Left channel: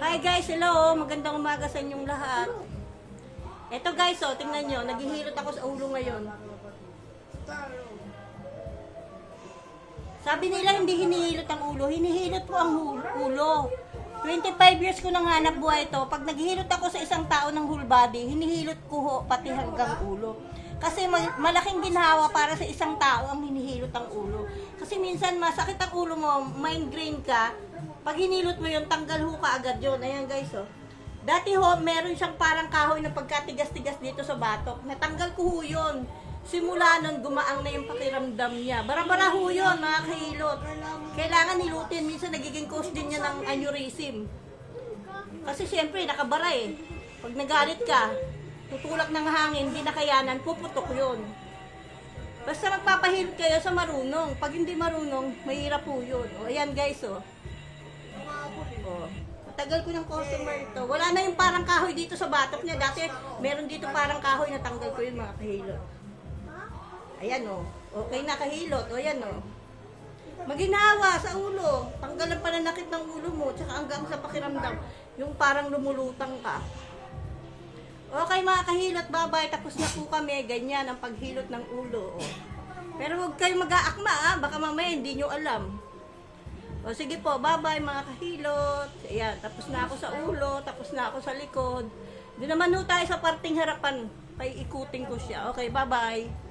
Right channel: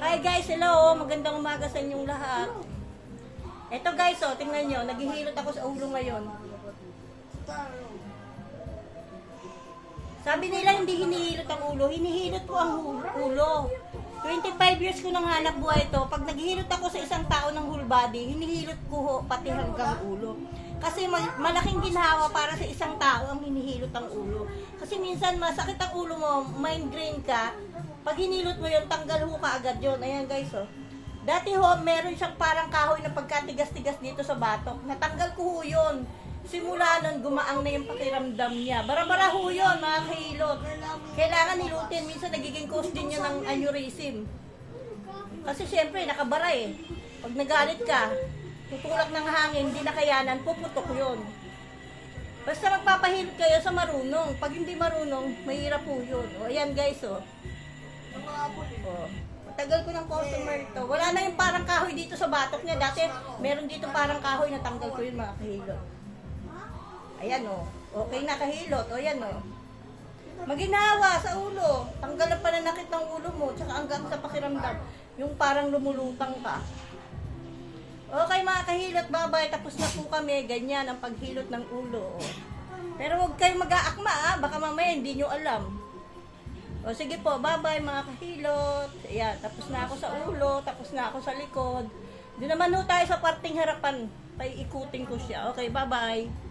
Hi guys, hello! Magandang umaga sa inyong lahat. Eto guys, oh, tingnan nyo, naghihilot ako sa ulo ngayon. Sabi nila hindi hinihilot ang ulo, hinihilot ko ang ulo. 25 years ko nang hanap buhay ito. Pag naghihilot ako sa isang tao ng whole body, hinihilot ko ho, pati hanggang ulo. Kasi malaking ginhawa para sa isang tao ang hinihilot ang ulo. Kasi minsan masakit ang ulo mo, mind drain ka. Pag hinilot mo yun, tanggal ho ka agad yun. Ayan guys, oh. Dati ho, meron siyang parang kahoy na pagkatigas-tigas dito sa batok. Natanggal ko ho yun. Simula nun, gumaang na yung pakiramdam niya. Bara-bara ho yun, mga kahilot. Kailangan hilutin. Minsan nagiging cause din niya ng aneurysm. Kasi siyempre, nakabara eh. Pag nagalit ka, tutulak ng hangin, hindi nakayanan, puputok yun. Basta magpapahilot kayo sa marunong. Pag hindi marunong, mahirap po yun. O, ayan guys, oh. Oh. Matagal ko ng customer ito. Wala na yung parang kahoy dito sa batok niya. Dati, meron dito parang kahoy na tanggal ko yung mga kahilot. Ayan, oh. Okay na kahilot. O, ayan, oh. Maginawa sa ulo. Tanggalan pa na nakit ng ulo mo. Tsaka hanggang sa pakiramdam. Yung parang lumulutang ka. Okay mga kahilot, bye-bye. Tapos na po kami. Ganyan ang paghilot ng ulo. Oh. Pero huwag kayong mag-aakma, ah. Baka mamaya hindi nyo alam. O sige po, bye-bye mga kahilot. Ayan, tapos na ako sa ulo, tapos na ako sa likod. Di naman ho tayo sa parting harapan. Paiikutin ko siya. Okay, bye-bye.